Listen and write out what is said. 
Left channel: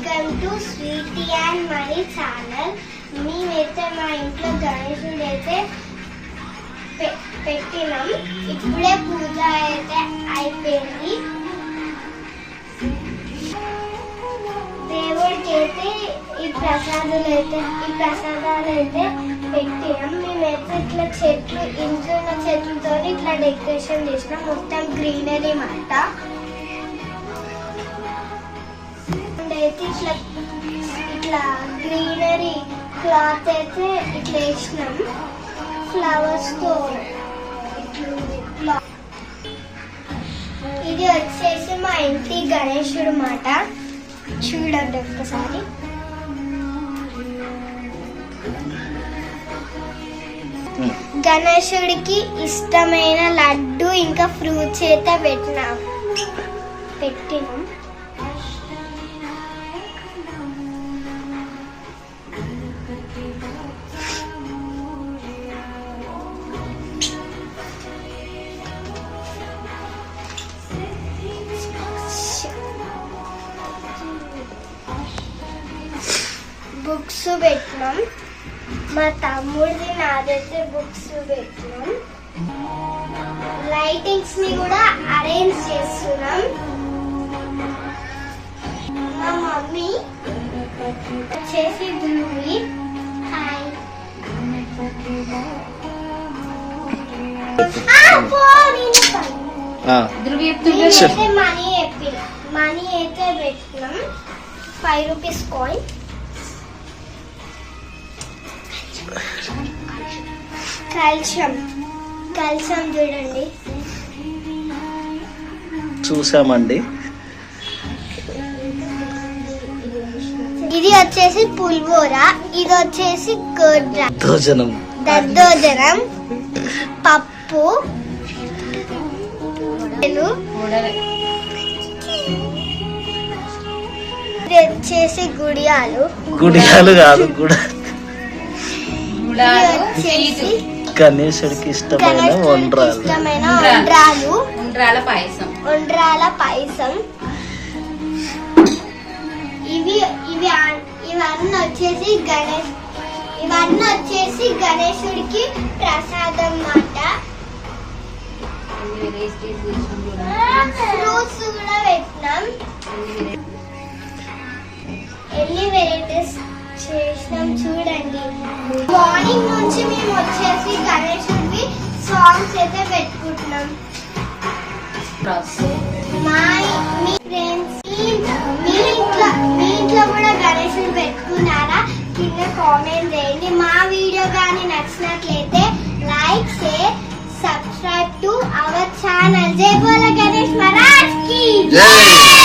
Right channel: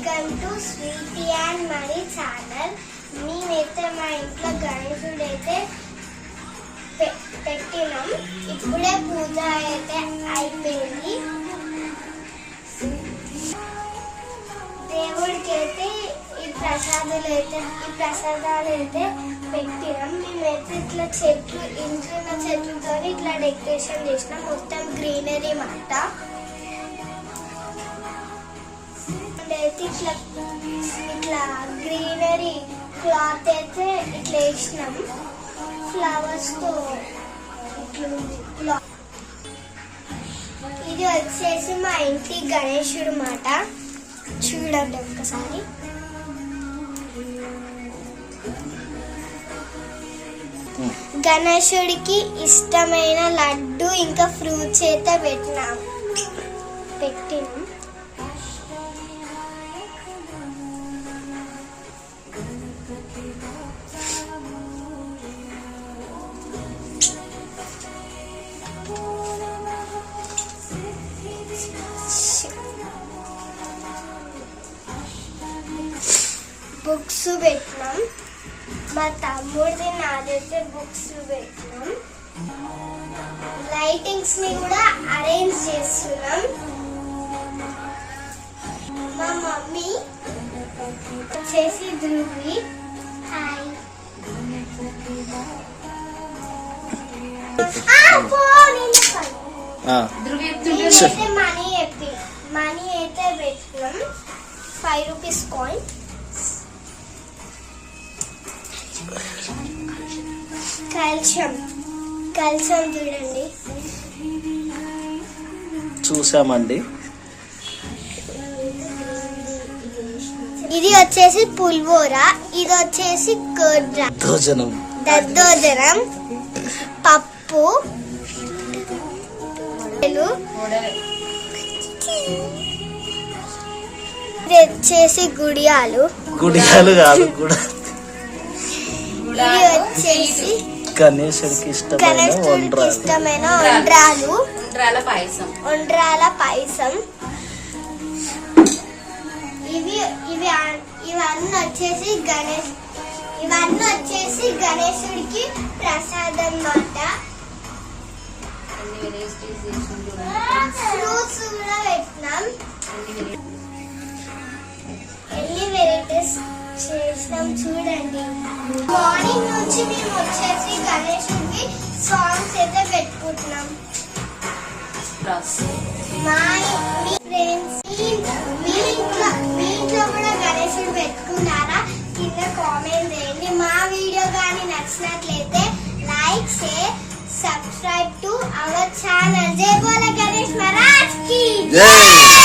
Welcome to sweety and money channel. మేమైతే మా ఇంట్లో గణేశుడు అయితే పెట్టినాం. ఇప్పుడే పూజ అయితే అయిపోయింది. దేవుడికి అయితే ఈ ప్రసాదాలు అయితే పెట్టినాం. మేమైతే ఇట్లా చెట్లు ఇంట్లో ఉన్న చెట్లతో ఇట్లా డెకరేషన్ చేసినాం. మొత్తం గ్రీనరీ మాట. అయితే ఇట్లా గ్రీనరీ క్లాత్ అయితే ఇట్లా వేసినాం ఫ్లవర్స్ తో. ఇది వచ్చేసి మా ఇంటి గణేశుడు మాట. చూడండి ఒక్కసారి. గణేశుడికి ఇష్టమైన లడ్డు ఇంకా ఫ్రూట్స్ అయితే పెట్టినాం. బుక్స్ పెట్టినాం. మా తమ్ముడిది నాదైతే బుక్స్ పెట్టినాం. లైటింగ్స్ ని కూడా అరేంజ్ చేస్తున్నాం. మా మమ్మీ వచ్చేసి ధ్రువి. మనీ అయితే పెట్టినాం. 5 రూపీస్ కాయిన్. కాల్షియం చూడండి. చూసామండి. ఇది వచ్చేసి పుల్వోరా. ఇది వచ్చేసి దద్దోజనం, పప్పు, ఇది వచ్చేసి గుడియాలు కాదు గణేశుడికి ఇష్టమైన ఉండ్రాల పాయసం. ఇవన్నీ వచ్చేసి గణేశుడికి ప్రసాదం మాట. ఫ్రూట్స్ కూడా పెట్టినాం. ఎన్ని వెరైటీస్ చేసినాం చూడండి. మార్నింగ్ నుంచి మేము వచ్చేసి గణేశుడికి సాంగ్స్ అయితే పెట్టుకుంటున్నాం. మీ ఫ్రెండ్స్ మీ ఇంట్లో కూడా గణేశుడు పెట్టుకున్నారా? కింద కామెంట్ చేయండి. మా వీడియో కానీ నచ్చినట్లయితే like, share, subscribe to our channel. జై బోలో గణేష్ మహారాజ్ కి జై.